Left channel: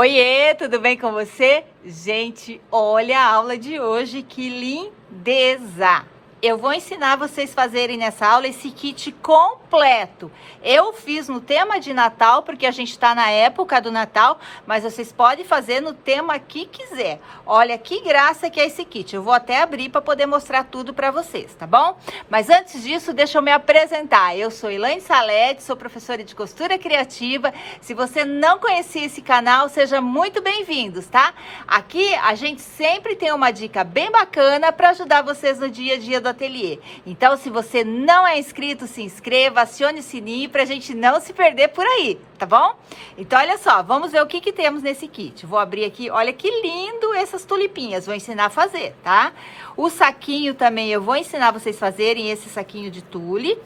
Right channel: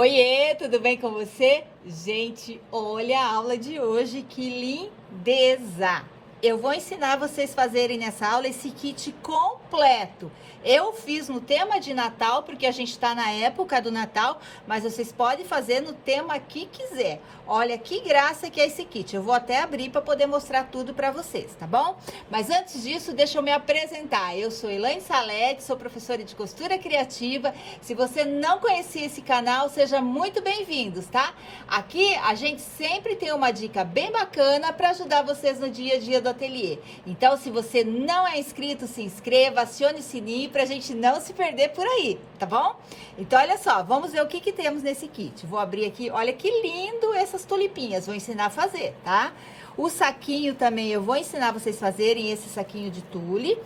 Oiê, tudo bem com você? Gente, olha a aula de hoje, que lindeza! Eu vou ensinar vocês a fazerem nessa aula esse kit completo. Eu fiz no tema de Natal, porque a gente está na época do Natal, mas vocês podem fazer no tema que quiser. Olha que graça que é esse kit. Eu vou até abrir para poder mostrar tudo para vocês, tá bom? Mas antes disso, deixa eu me apresentar. Eu sou Elaine Salete, sou professora de costura criativa. Se você não conhecia esse canal, seja muito bem-vindos, tá? Aqui a gente sempre tem uma dica bem bacana para ajudar vocês no dia a dia do ateliê. Então, se você não é inscrito, se inscreva, acione o sininho pra gente não se perder por aí, tá bom? Então, olha só, vamos ver o que temos nesse kit. Vou abrir aqui, olha que lindo essas tulipinhas, vou ensinar a fazer, tá? O saquinho também eu vou ensinar vocês a fazerem esse saquinho de tule.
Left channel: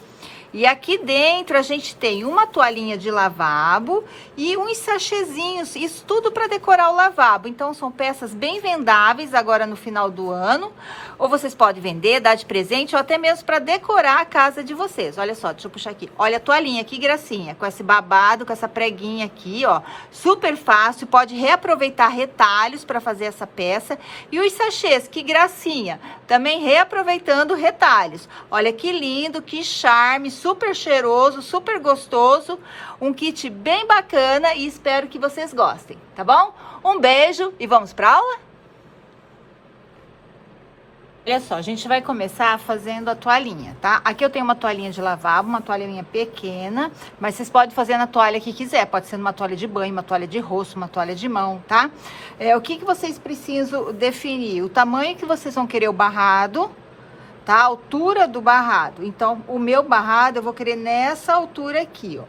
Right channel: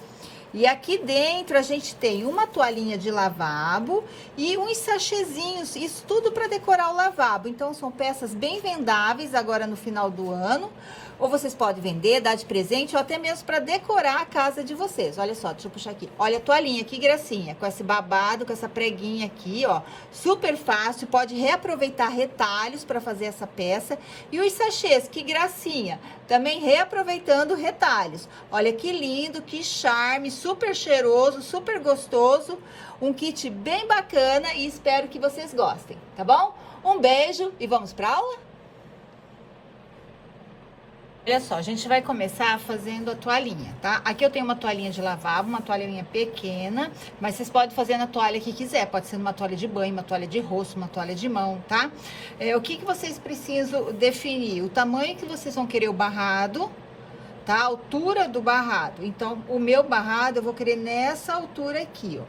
E aqui dentro a gente tem uma toalhinha de lavabo e uns sachêzinhos, isso tudo para decorar o lavabo. Então são peças bem vendáveis agora no final do ano. Ou vocês podem vender, dar de presente ou até mesmo para decorar a casa de vocês. Olha só, deixa eu puxar aqui. Olha a toalhinha, que gracinha, com esse babado, com essa preguinha aqui, ó. Super fácil, pode reaproveitar retalhos para fazer essa peça. E os sachês, que gracinha, também reaproveitando retalhos. Olha que lindo, que charme, super cheiroso, super gostoso. Um kit bem bacana e espero que vocês gostem, tá bom? Um beijo e vamos pra aula? Olha só, a gente vai começar fazendo a toalhinha, tá? Aqui eu tenho uma toalhinha de lavabo, uma toalhinha pequena, mas vocês podem fazer na toalha que quiser. Pode ser uma toalha de banho, uma toalha de rosto, uma toalha de mão, tá? O que vocês precisam definir? O tamanho que vocês vão querer o barrado, tá? A altura do barrado. Então, o meu barrado eu vou querer nessa altura aqui, ó.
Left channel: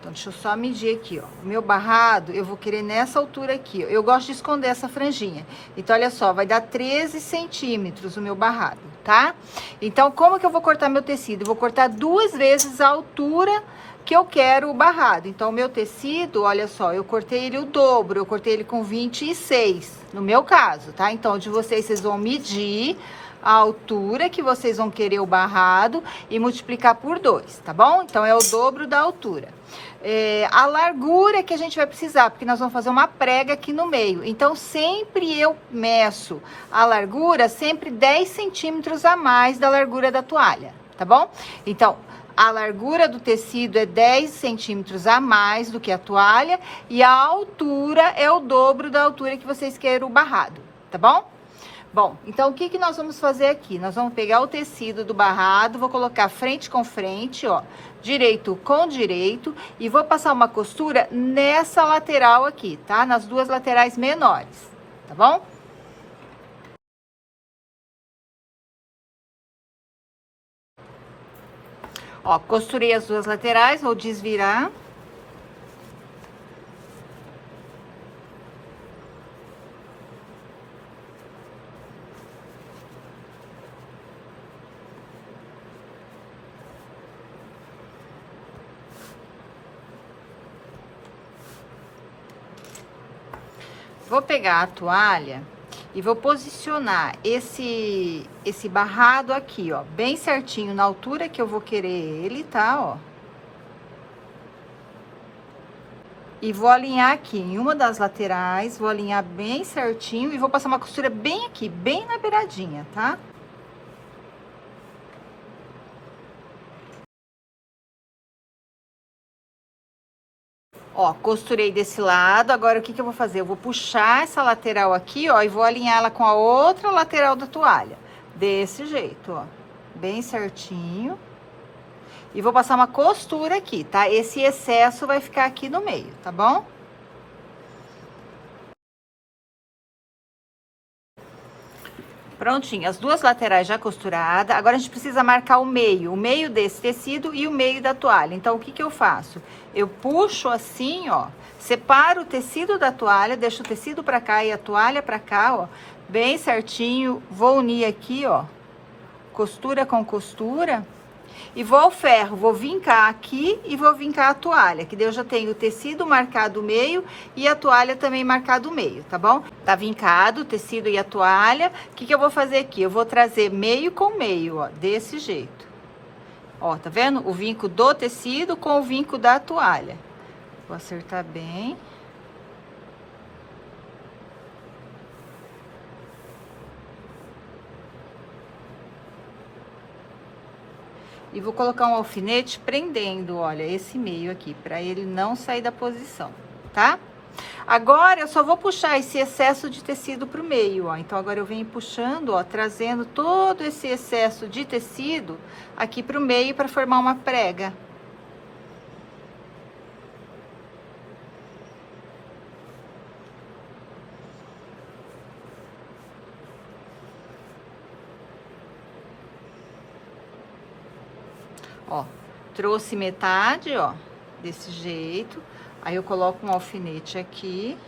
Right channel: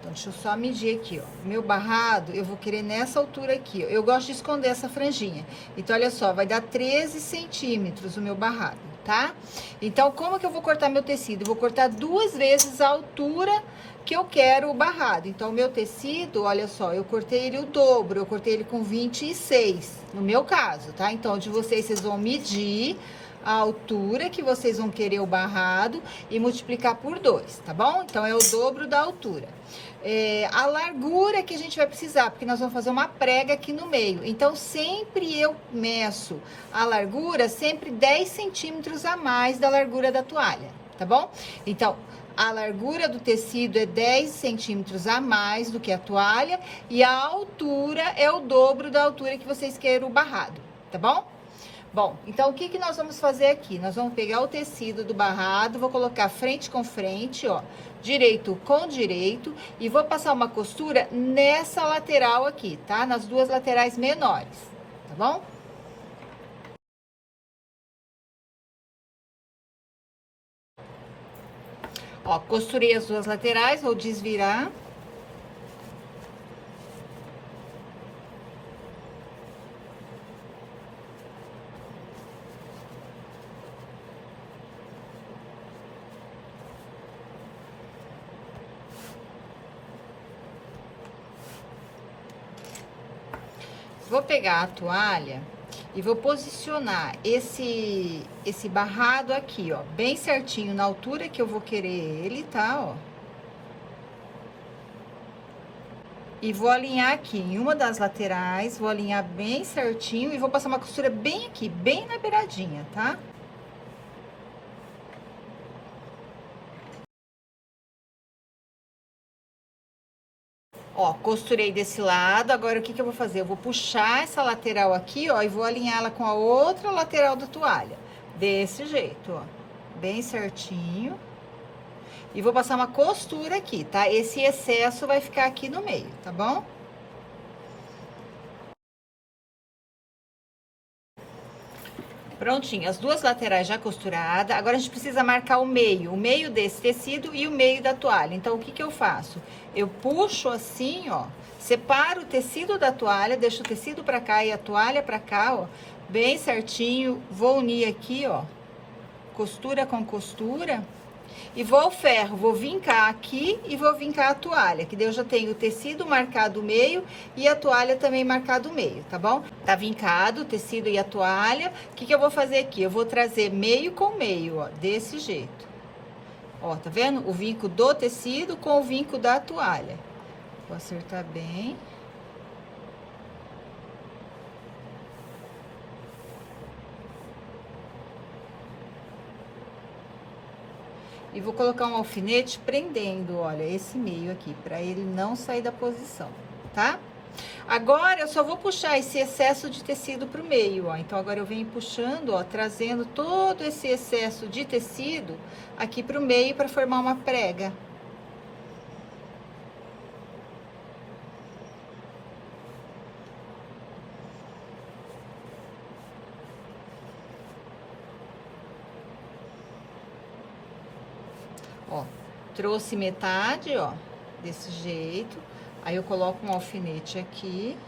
Então, deixa eu só medir aqui, ó. O meu barrado, eu vou querer nessa altura aqui, ó. Eu gosto de esconder essa franjinha. Então, olha só, vai dar 13 centímetros o meu barrado, tá? Então, como que eu vou cortar meu tecido? Eu vou cortar 2 vezes a altura que eu quero o barrado. Então, o meu tecido, olha só, eu cortei ele o dobro. Eu cortei ele com 26, no meu caso, tá? Então, de vocês vão medir a altura que vocês vão querer o barrado e multiplicar por 2, tá bom? Então, é o dobro da altura. A largura que a gente vai precisar, porque nós vamos fazer uma prega aqui no meio. Então, sempre eu meço a largura, sempre 10 centímetros a mais da largura da toalha, tá bom? Então, a largura do tecido é 10 centímetros a mais do que a toalha e a altura é o dobro da altura que vocês querem o barrado, tá bom? Bom, então o que nós vamos fazer aqui? Nós vamos pegar o tecido do barrado, vou colocar frente com frente, ó, direito com direito, e vou passar uma costura nessa lateral aqui, tá? Nas 2 laterais menores, tá bom? Ó, costurei as 2 laterais, vou desvirar. Vou pegar a toalha e vou posicionar esse barrado aqui, ó, bem certinho na altura que eu vou querer ele, tá, ó. E vou alinhar aqui em uma das laterais, vou alinhar bem certinho e vou passar uma costura bem aqui, bem na beiradinha, tá? Ó, costurei desse lado, agora o que eu vou fazer? Eu vou puxar essa lateral aqui, ó, e vou alinhar ela com a outra lateral da toalha. Desse jeito, ó, bem certinho. E vou passar uma costura aqui, tá? Esse excesso vai ficar aqui no meio, tá bom? Prontinho, as 2 laterais já costuradas. Agora a gente precisa marcar o meio desse tecido e o meio da toalha. Então, o que eu faço? Eu puxo assim, ó, separo o tecido da toalha, deixo o tecido pra cá e a toalha pra cá, ó, bem certinho. Vou unir aqui, ó, costura com costura. E vou ao ferro, vou vincar aqui e vou vincar a toalha, que daí eu já tenho o tecido marcado o meio e a toalha também marcado o meio, tá bom? Tá vincado o tecido e a toalha. O que eu vou fazer aqui? Eu vou trazer meio com meio, ó, desse jeito. Ó, tá vendo? O vinco do tecido com o vinco da toalha. Vou acertar bem. E vou colocar um alfinete prendendo, olha, esse meio aqui, pra ele não sair da posição, tá? Agora, eu só vou puxar esse excesso de tecido pro meio, ó. Então, agora eu venho puxando, ó, trazendo todo esse excesso de tecido aqui pro meio para formar uma prega. Ó, trouxe metade, ó, desse jeito. Aí eu coloco um alfinete aqui.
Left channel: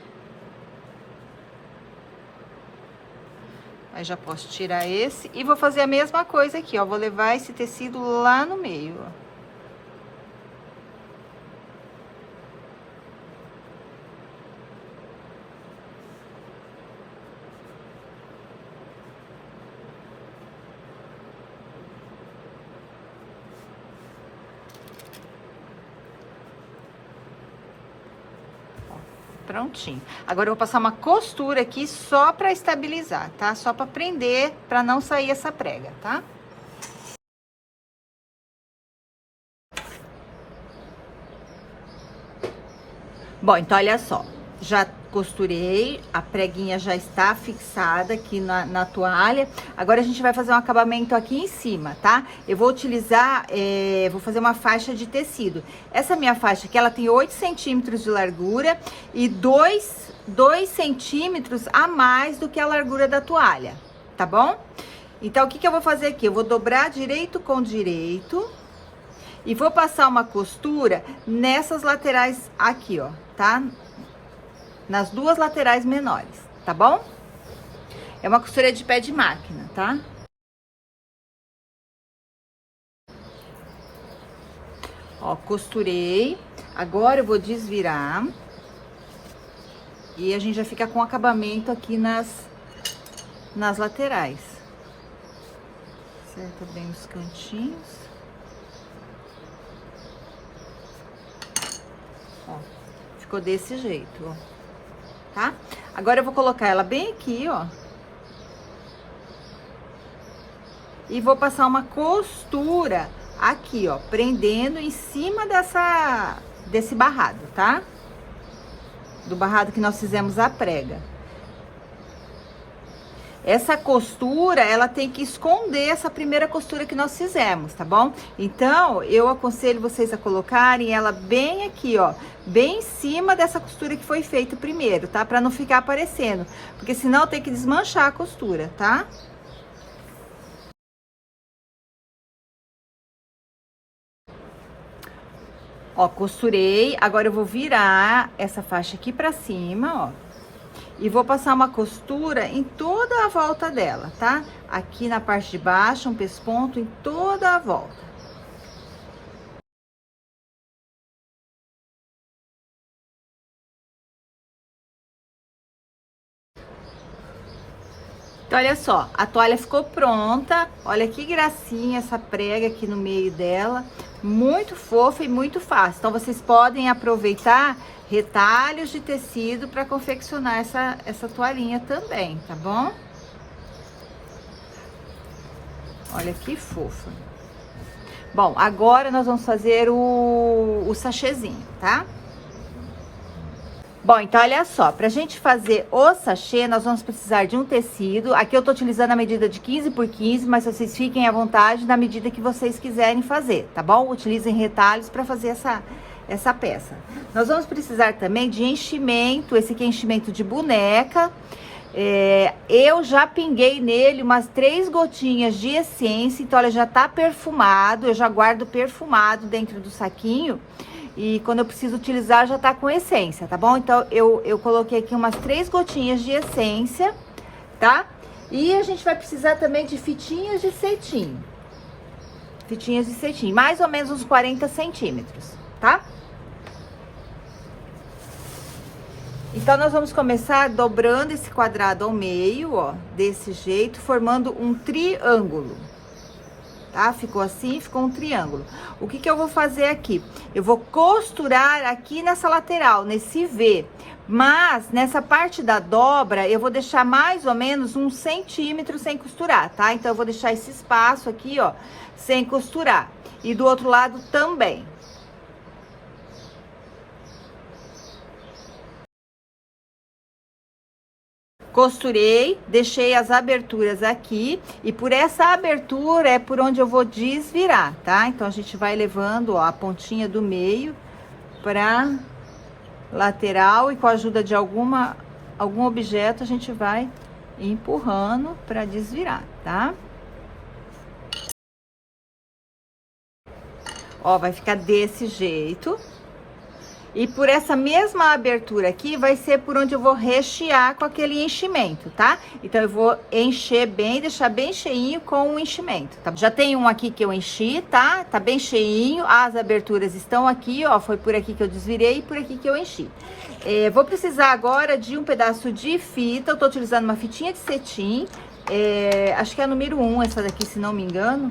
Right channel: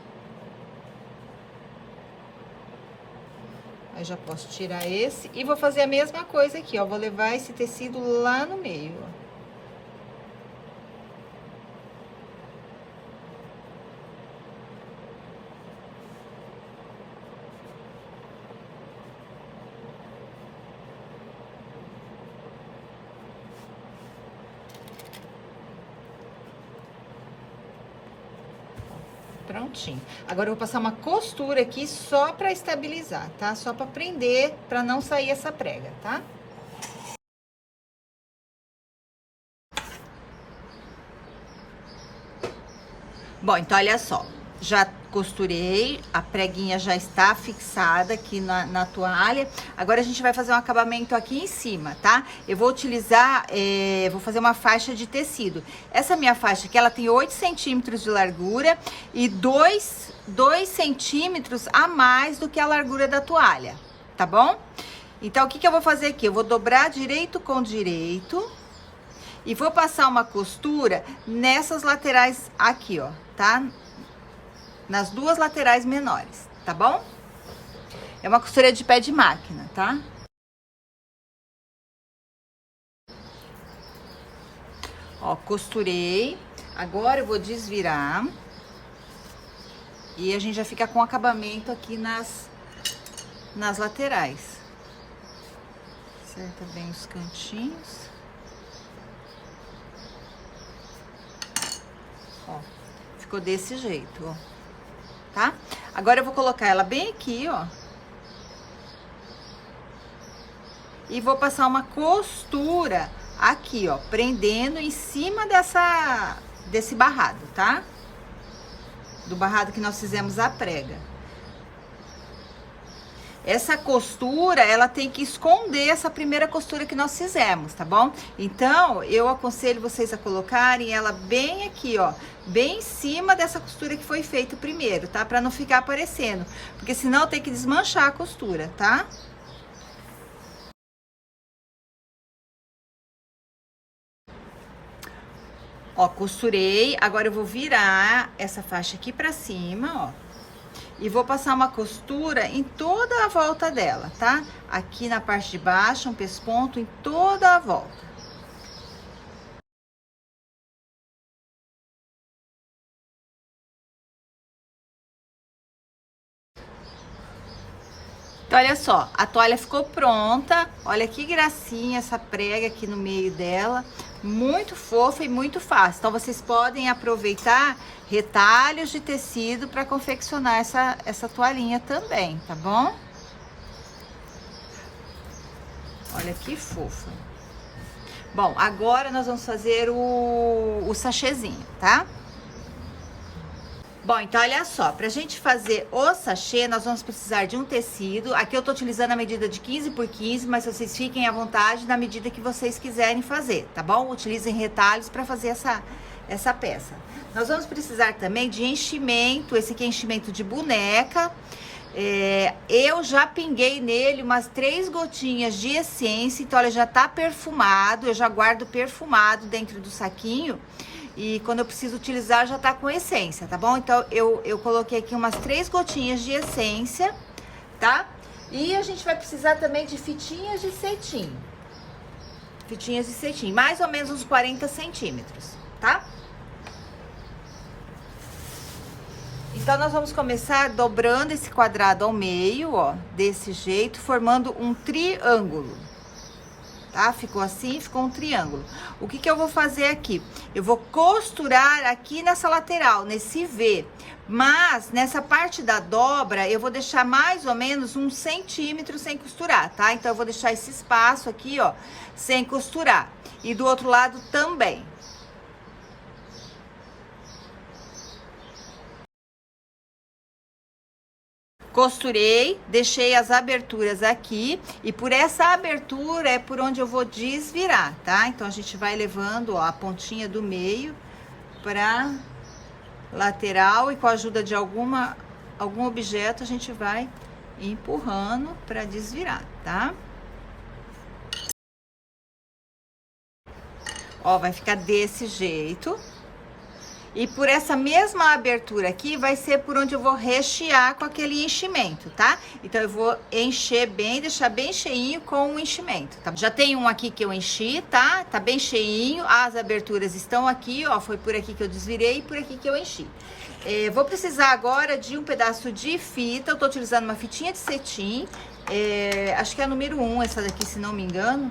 Aí já posso tirar esse. E vou fazer a mesma coisa aqui, ó. Vou levar esse tecido lá no meio, ó. Prontinho. Agora eu vou passar uma costura aqui só pra estabilizar, tá? Só pra prender, pra não sair essa prega, tá? Bom, então olha só. Já costurei, a preguinha já está fixada aqui na toalha. Agora a gente vai fazer um acabamento aqui em cima, tá? Eu vou utilizar, vou fazer uma faixa de tecido. Essa minha faixa aqui, ela tem 8 centímetros de largura e 2 centímetros a mais do que a largura da toalha, tá bom? Então, o que que eu vou fazer aqui? Eu vou dobrar direito com direito e vou passar uma costura nessas laterais aqui, ó, tá? Nas duas laterais menores, tá bom? É uma costura de pé de máquina, tá? Ó, costurei. Agora eu vou desvirar. E a gente já fica com acabamento aqui nas laterais. Acerta bem os cantinhos. Ó, ficou desse jeito, ó. Tá? Agora eu vou colocar ela bem aqui, ó. E vou passar uma costura aqui, ó, prendendo em cima desse barrado, tá? Do barrado que nós fizemos a prega. Essa costura, ela tem que esconder essa primeira costura que nós fizemos, tá bom? Então, eu aconselho vocês a colocarem ela bem aqui, ó, bem em cima dessa costura que foi feita primeiro, tá? Pra não ficar aparecendo, porque senão tem que desmanchar a costura, tá? Ó, costurei, agora eu vou virar essa faixa aqui pra cima, ó. E vou passar uma costura em toda a volta dela, tá? Aqui na parte de baixo, um pesponto em toda a volta. Então, olha só, a toalha ficou pronta. Olha que gracinha essa prega aqui no meio dela. Muito fofa e muito fácil. Então, vocês podem aproveitar retalhos de tecido para confeccionar essa toalhinha também, tá bom? Olha que fofa. Bom, agora nós vamos fazer o sachêzinho, tá? Bom, então olha só, pra gente fazer o sachê, nós vamos precisar de um tecido. Aqui eu tô utilizando a medida de 15 por 15, mas vocês fiquem à vontade na medida que vocês quiserem fazer, tá bom? Utilizem retalhos pra fazer essa peça. Nós vamos precisar também de enchimento, esse aqui é enchimento de boneca. Eu já pinguei nele umas 3 gotinhas de essência, então olha, já tá perfumado, eu já guardo perfumado dentro do saquinho. E quando eu preciso utilizar, já tá com essência, tá bom? Então, eu coloquei aqui umas 3 gotinhas de essência, tá? E a gente vai precisar também de fitinhas de cetim. Fitinhas de cetim, mais ou menos uns 40 centímetros, tá? Então, nós vamos começar dobrando esse quadrado ao meio, ó, desse jeito, formando um triângulo, tá? Ficou assim, ficou um triângulo. O que que eu vou fazer aqui? Eu vou costurar aqui nessa lateral, nesse V. Mas, nessa parte da dobra, eu vou deixar mais ou menos 1 centímetro sem costurar, tá? Então, eu vou deixar esse espaço aqui, ó, sem costurar. E do outro lado também. Costurei, deixei as aberturas aqui e por essa abertura é por onde eu vou desvirar, tá? Então, a gente vai levando, ó, a pontinha do meio pra lateral e com a ajuda de algum objeto a gente vai empurrando pra desvirar, tá? Ó, vai ficar desse jeito. E por essa mesma abertura aqui, vai ser por onde eu vou rechear com aquele enchimento, tá? Então, eu vou encher bem, deixar bem cheinho com o enchimento, tá? Já tem um aqui que eu enchi, tá? Tá bem cheinho, as aberturas estão aqui, ó, foi por aqui que eu desvirei e por aqui que eu enchi. Vou precisar agora de um pedaço de fita, eu tô utilizando uma fitinha de cetim, acho que é a número 1 essa daqui, se não me engano.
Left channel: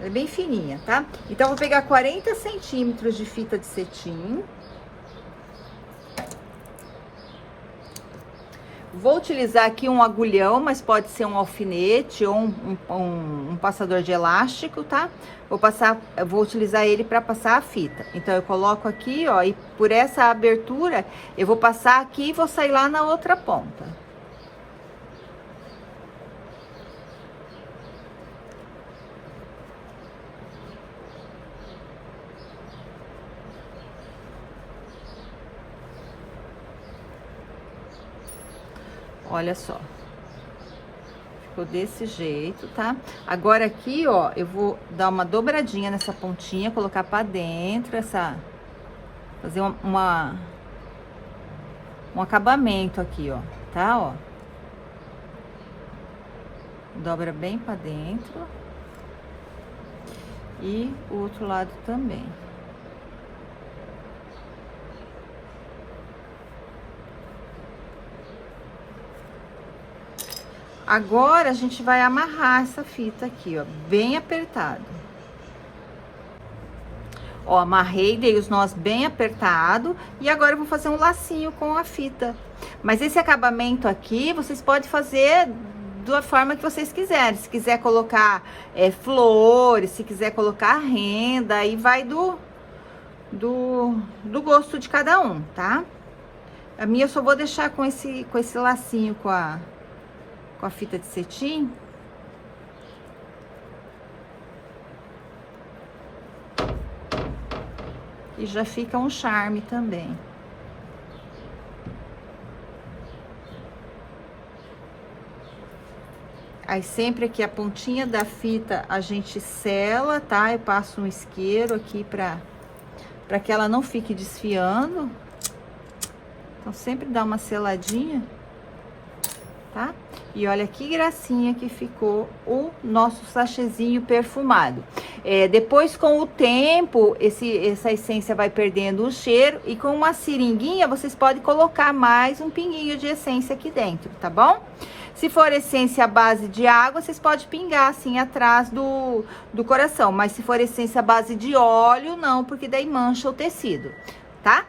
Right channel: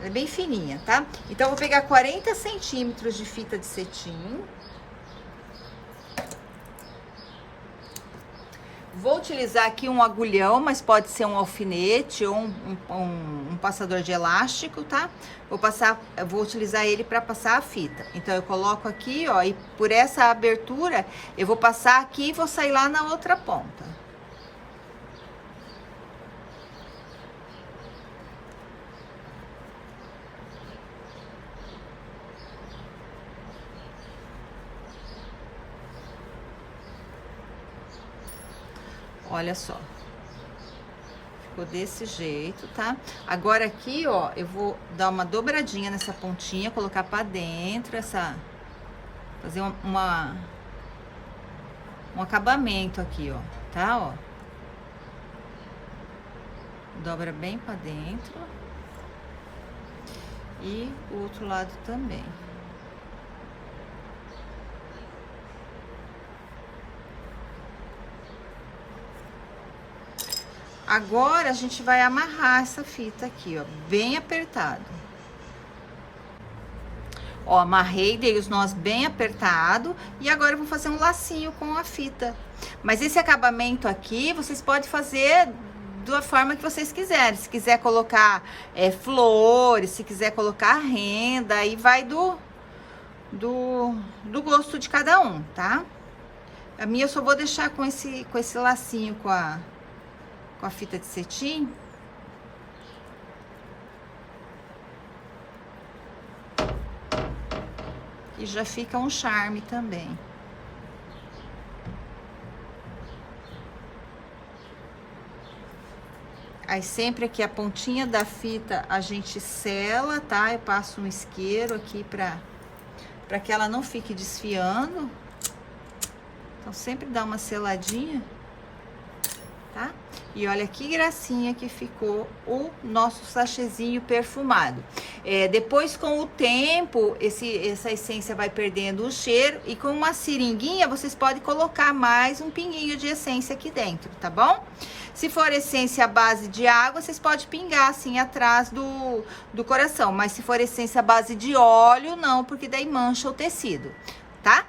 Ela é bem fininha, tá? Então, eu vou pegar 40 centímetros de fita de cetim. Vou utilizar aqui um agulhão, mas pode ser um alfinete ou um passador de elástico, tá? Vou utilizar ele para passar a fita. Então, eu coloco aqui, ó, e por essa abertura, eu vou passar aqui e vou sair lá na outra ponta. Olha só, ficou desse jeito, tá? Agora aqui, ó, eu vou dar uma dobradinha nessa pontinha, colocar pra dentro fazer um acabamento aqui, ó, tá? Ó, dobra bem pra dentro e o outro lado também. Agora, a gente vai amarrar essa fita aqui, ó, bem apertado. Ó, amarrei, dei os nós bem apertado e agora eu vou fazer um lacinho com a fita. Mas esse acabamento aqui, vocês podem fazer da forma que vocês quiserem. Se quiser colocar flores, se quiser colocar renda, aí vai do gosto de cada um, tá? A minha eu só vou deixar com esse lacinho com a fita de cetim. E já fica um charme também. Aí, sempre aqui a pontinha da fita a gente sela, tá? Eu passo um isqueiro aqui pra que ela não fique desfiando. Então, sempre dá uma seladinha, tá? E olha que gracinha que ficou o nosso sachêzinho perfumado. Depois, com o tempo, essa essência vai perdendo o cheiro. E com uma seringuinha, vocês podem colocar mais um pinguinho de essência aqui dentro, tá bom? Se for essência à base de água, vocês podem pingar assim atrás do coração. Mas se for essência à base de óleo, não, porque daí mancha o tecido, tá?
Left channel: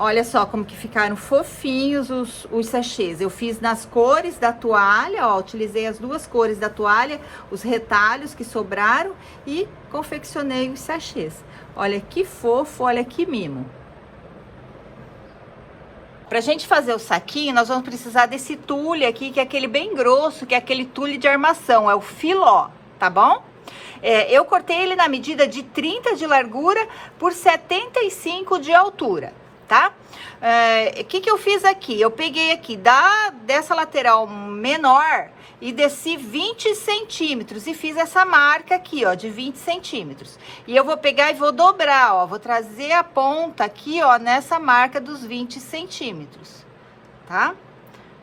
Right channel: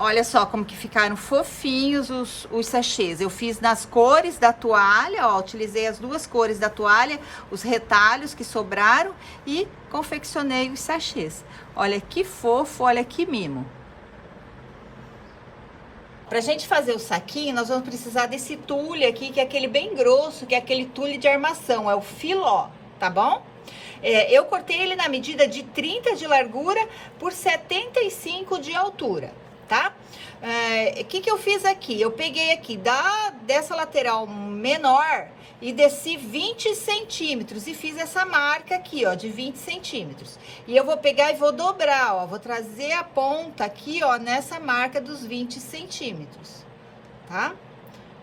Olha só como que ficaram fofinhos os sachês. Eu fiz nas cores da toalha, ó, utilizei as duas cores da toalha, os retalhos que sobraram e confeccionei os sachês. Olha que fofo, olha que mimo. Pra gente fazer o saquinho, nós vamos precisar desse tule aqui, que é aquele bem grosso, que é aquele tule de armação, é o filó, tá bom? Eu cortei ele na medida de 30 de largura por 75 de altura, tá? O que eu fiz aqui? Eu peguei aqui dessa lateral menor e desci 20 centímetros e fiz essa marca aqui, ó, de 20 centímetros. E eu vou pegar e vou dobrar, ó, vou trazer a ponta aqui, ó, nessa marca dos 20 centímetros, tá?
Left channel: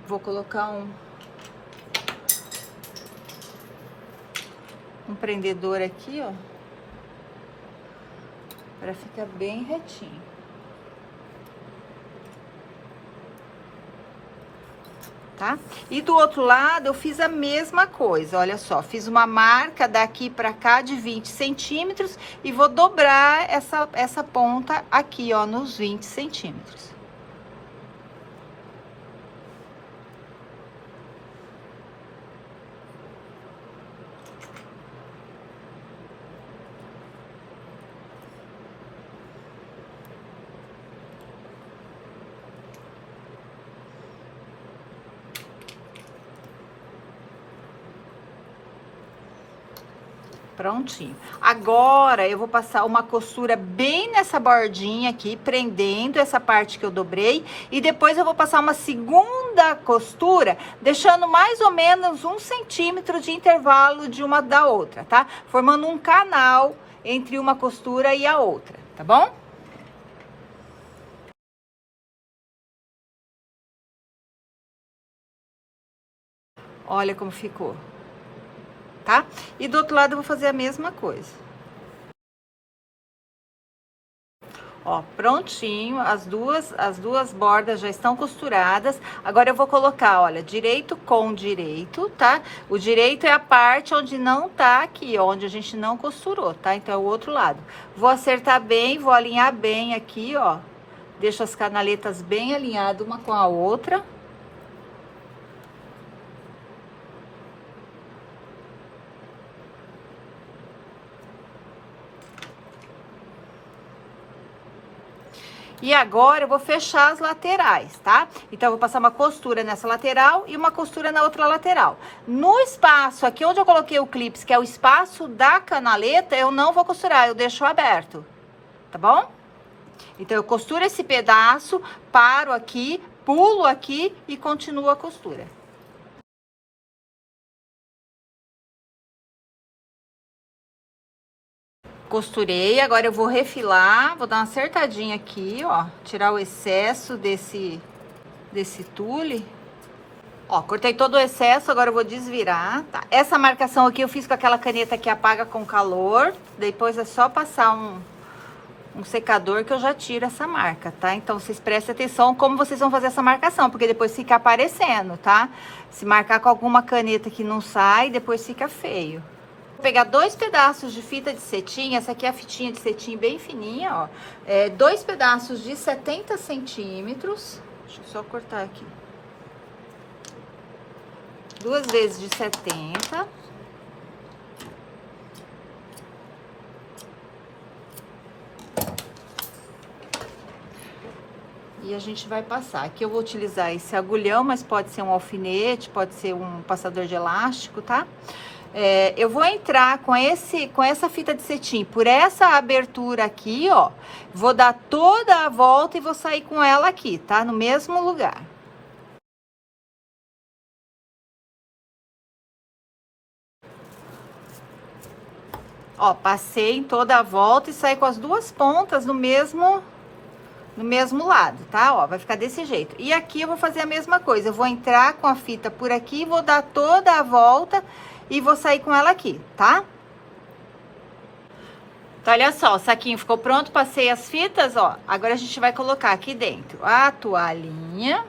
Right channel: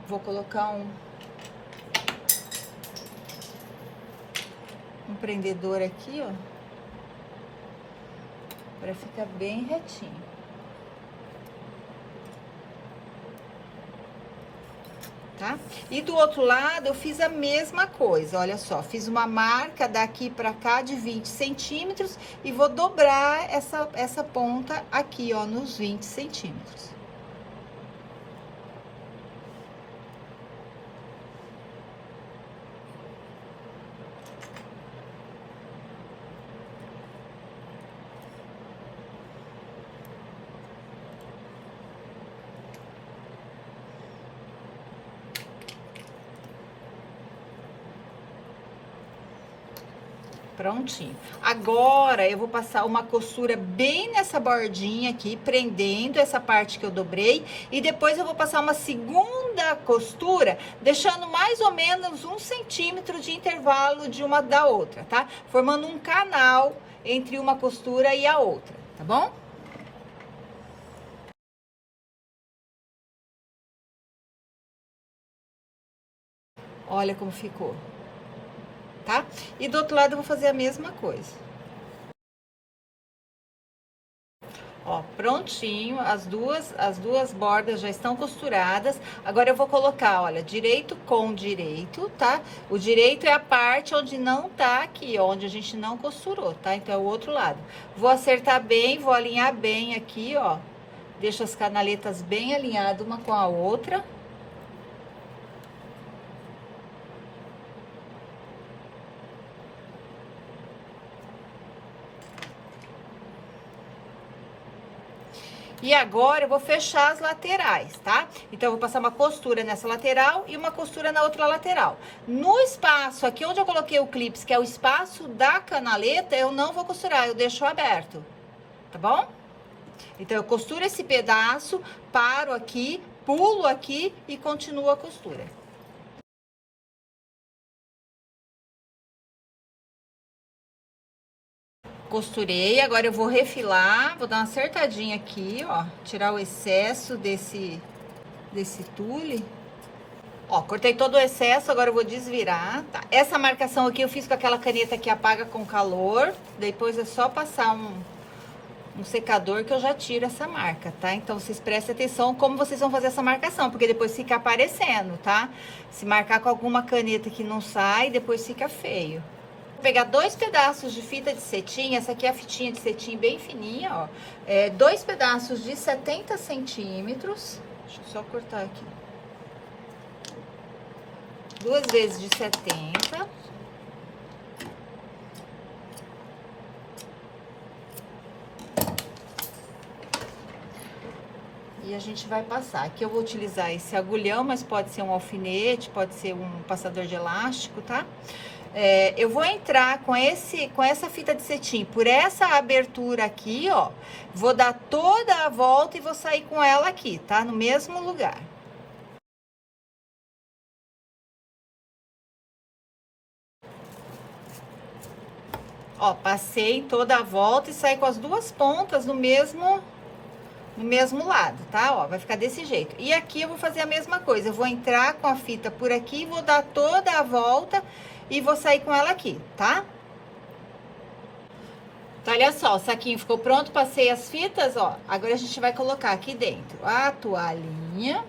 Vou colocar um prendedor aqui, ó, pra ficar bem retinho. tá? E do outro lado eu fiz a mesma coisa, olha só, fiz uma marca daqui pra cá de 20 centímetros e vou dobrar essa ponta aqui, ó, nos 20 centímetros. Prontinho. Agora, eu vou passar uma costura bem nessa bordinha aqui, prendendo essa parte que eu dobrei. E depois eu vou passar uma segunda costura, deixando mais ou menos 1 centímetro de intervalo de uma da outra, tá? Formando um canal entre uma costura e a outra, tá bom? Olha como ficou. Tá? E do outro lado eu vou fazer a mesma coisa. Ó, prontinho, as duas bordas já estão costuradas. Agora eu vou colocar, olha, direito com direito, tá? O direito é a parte onde não tá aqui, onde a gente não costurou, tá? Então é o outro lado. Vou acertar bem, vou alinhar bem aqui, ó. Deixo as canaletas bem alinhadas uma com a outra. E agora eu vou fechar as laterais, tá? Então, eu vou passar uma costura nessa lateral e uma costura na outra lateral. No espaço aqui onde eu coloquei o clips, que é o espaço da canaleta, eu não vou costurar, eu deixo aberto, tá bom? Então, eu costuro esse pedaço, paro aqui, pulo aqui e continuo a costura. Costurei, agora eu vou refilar, vou dar uma acertadinha aqui, ó, tirar o excesso desse tule. Ó, cortei todo o excesso, agora eu vou desvirar, tá? Essa marcação aqui eu fiz com aquela caneta que apaga com calor, depois é só passar um secador que eu já tiro essa marca, tá? Então, vocês prestem atenção como vocês vão fazer essa marcação, porque depois fica aparecendo, tá? Se marcar com alguma caneta que não sai, depois fica feio. Vou pegar 2 pedaços de fita de cetim, essa aqui é a fitinha de cetim bem fininha, ó. 2 pedaços de 70 centímetros, deixa eu só cortar aqui. 2 vezes de 70. E a gente vai passar. Aqui eu vou utilizar esse agulhão, mas pode ser um alfinete, pode ser um passador de elástico, tá? Eu vou entrar com essa fita de cetim por essa abertura aqui, ó. Vou dar toda a volta e vou sair com ela aqui, tá? No mesmo lugar. Ó, passei toda a volta e saí com as duas pontas no mesmo lado, tá? Ó, vai ficar desse jeito. E aqui eu vou fazer a mesma coisa. Eu vou entrar com a fita por aqui, vou dar toda a volta e vou sair com ela aqui, tá? Então, olha só, o saquinho ficou pronto, passei as fitas, ó. Agora a gente vai colocar aqui dentro a toalhinha.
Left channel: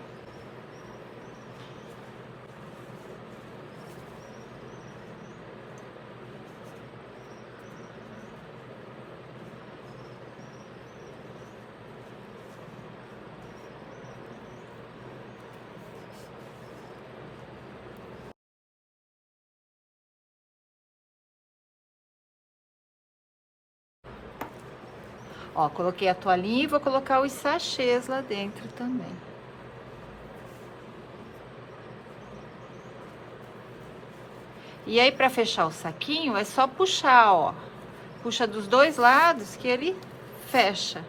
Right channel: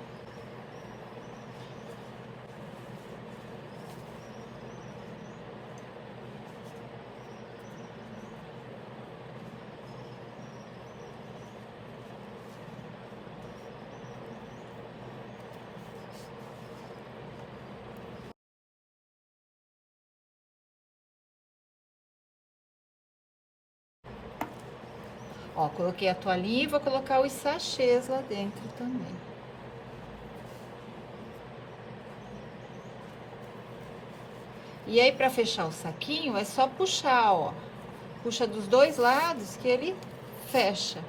Ó, coloquei a toalhinha e vou colocar os sachês lá dentro também. E aí, pra fechar o saquinho, é só puxar, ó. Puxa dos dois lados que ele fecha.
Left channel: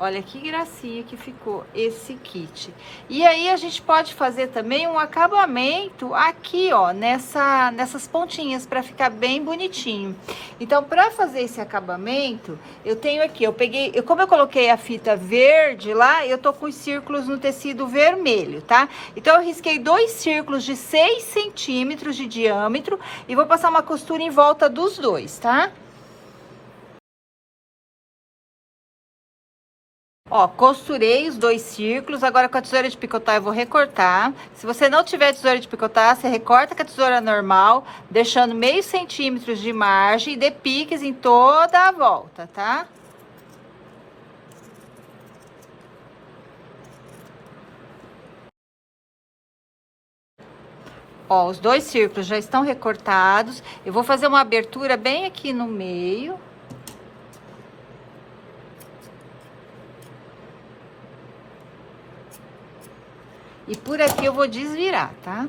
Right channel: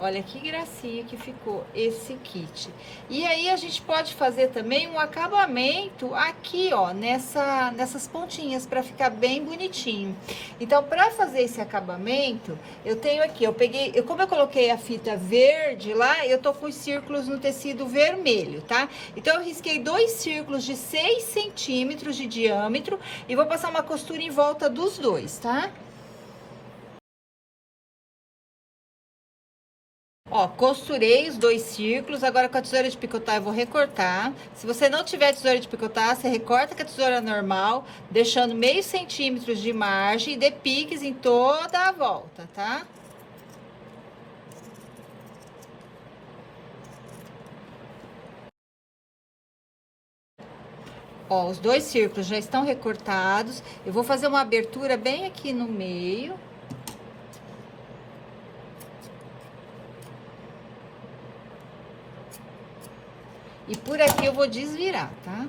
Olha que gracinha que ficou esse kit. E aí, a gente pode fazer também um acabamento aqui, ó, nessas pontinhas, pra ficar bem bonitinho. Então, pra fazer esse acabamento, eu tenho aqui, como eu coloquei a fita verde lá, eu tô com os círculos no tecido vermelho, tá? Então, eu risquei 2 círculos de 6 centímetros de diâmetro e vou passar uma costura em volta dos dois, tá? Ó, costurei os 2 círculos, agora com a tesoura de picotar eu vou recortar. Se você não tiver tesoura de picotar, você recorta com a tesoura normal, deixando meio centímetro de margem e dê piques em toda a volta, tá? Ó, os 2 círculos já estão recortados. Eu vou fazer uma abertura bem aqui no meio. E por aqui eu vou desvirar, tá?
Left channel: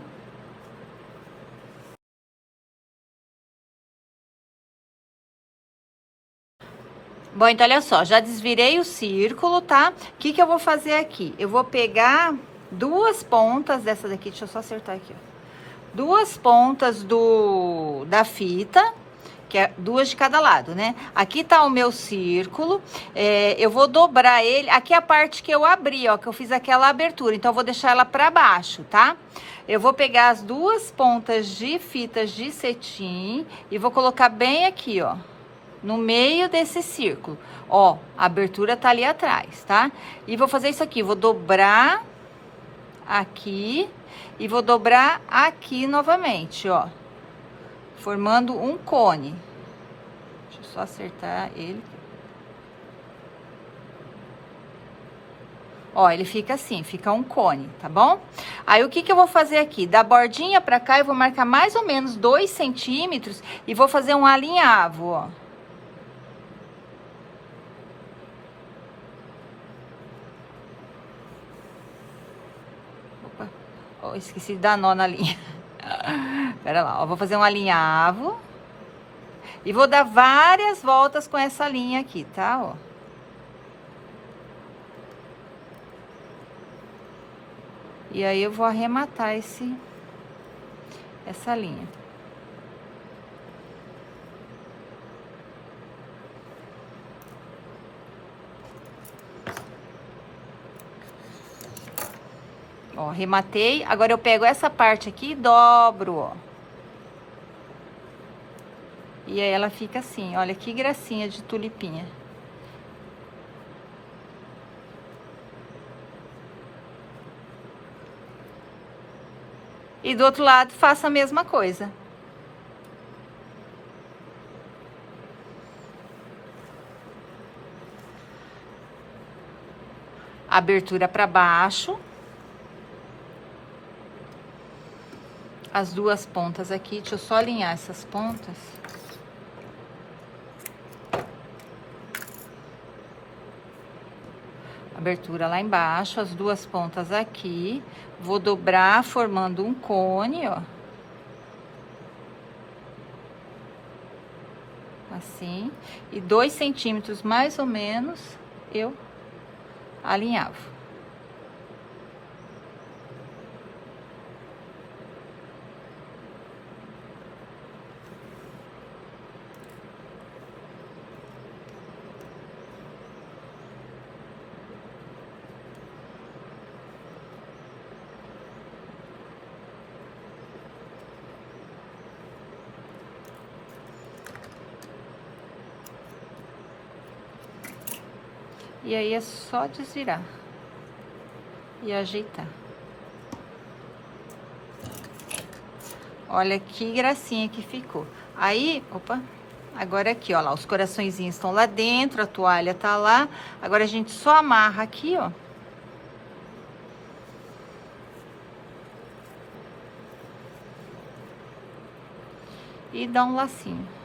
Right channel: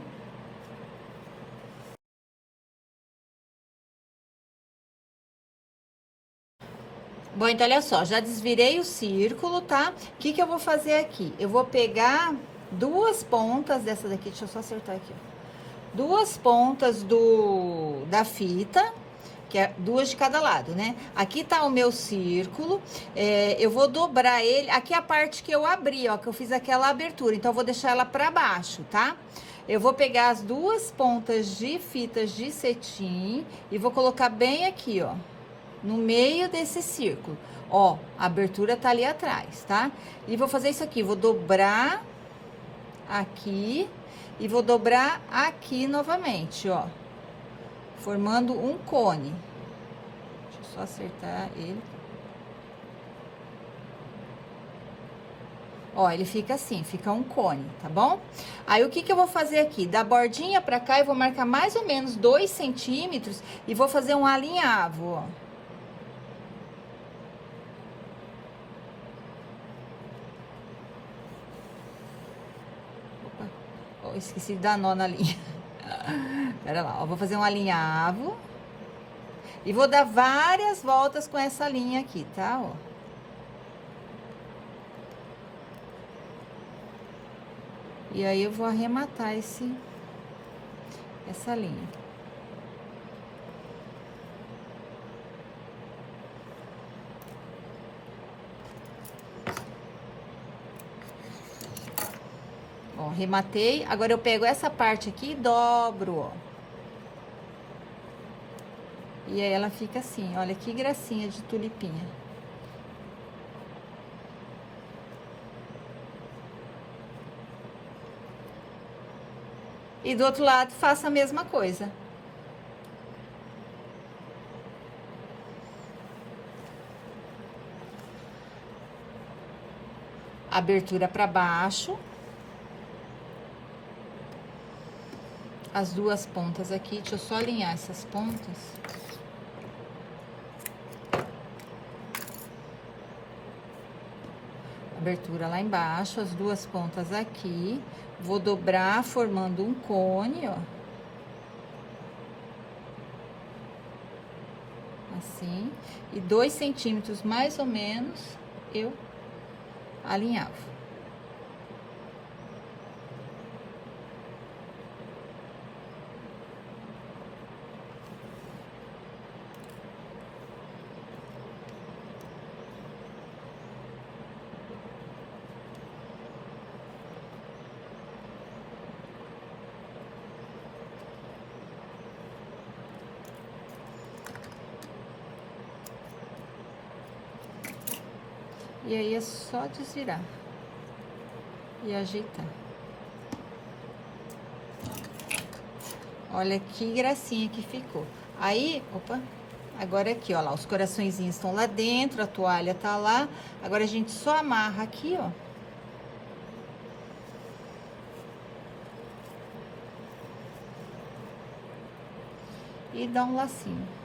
Bom, então olha só, já desvirei o círculo, tá? O que que eu vou fazer aqui? Eu vou pegar 2 pontas dessa daqui, deixa eu só acertar aqui, ó. 2 pontas da fita, que é 2 de cada lado, né? Aqui tá o meu círculo, eu vou dobrar ele, aqui é a parte que eu abri, ó, que eu fiz aquela abertura, então eu vou deixar ela pra baixo, tá? Eu vou pegar as 2 pontas de fitas de cetim e vou colocar bem aqui, ó, no meio desse círculo. Ó, a abertura tá ali atrás, tá? E vou fazer isso aqui, vou dobrar aqui e vou dobrar aqui novamente, ó, formando um cone. Deixa eu só acertar ele. Ó, ele fica assim, fica um cone, tá bom? Aí, o que que eu vou fazer aqui? Da bordinha pra cá, eu vou marcar mais ou menos 2 centímetros e vou fazer um alinhavo, ó. Opa, ó, esqueci de dar nó na linha. Pera lá, ó, vou fazer um alinhavo. E vou dar várias voltas com essa linha aqui, tá? Ó. E aí, eu vou arrematar essa linha. Ó, arrematei. Agora, eu pego essa parte aqui e dobro, ó. E aí, ela fica assim, olha que gracinha de tulipinha. E do outro lado, faça a mesma coisa. Abertura para baixo. As 2 pontas aqui, deixa eu só alinhar essas pontas. Abertura lá embaixo, as 2 pontas aqui. Vou dobrar, formando um cone, ó. Assim. E 2 centímetros, mais ou menos, eu alinhavo. E aí, é só desvirar e ajeitar. Olha que gracinha que ficou. Aí, opa, agora aqui, ó lá, os coraçõezinhos estão lá dentro, a toalha tá lá. Agora, a gente só amarra aqui, ó. E dá um lacinho.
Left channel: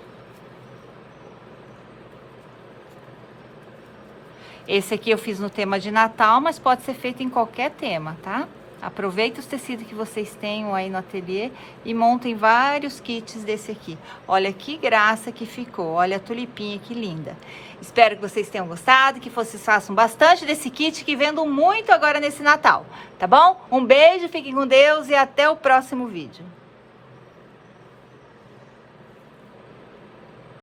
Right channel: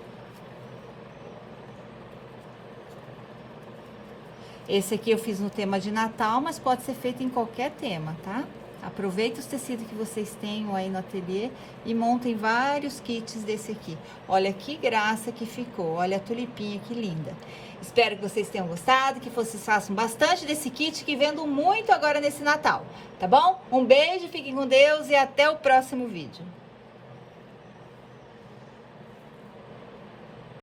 Esse aqui eu fiz no tema de Natal, mas pode ser feito em qualquer tema, tá? Aproveita os tecidos que vocês tenham aí no ateliê e montem vários kits desse aqui. Olha que graça que ficou, olha a tulipinha que linda. Espero que vocês tenham gostado, que vocês façam bastante desse kit, que vendam muito agora nesse Natal, tá bom? Um beijo, fiquem com Deus e até o próximo vídeo.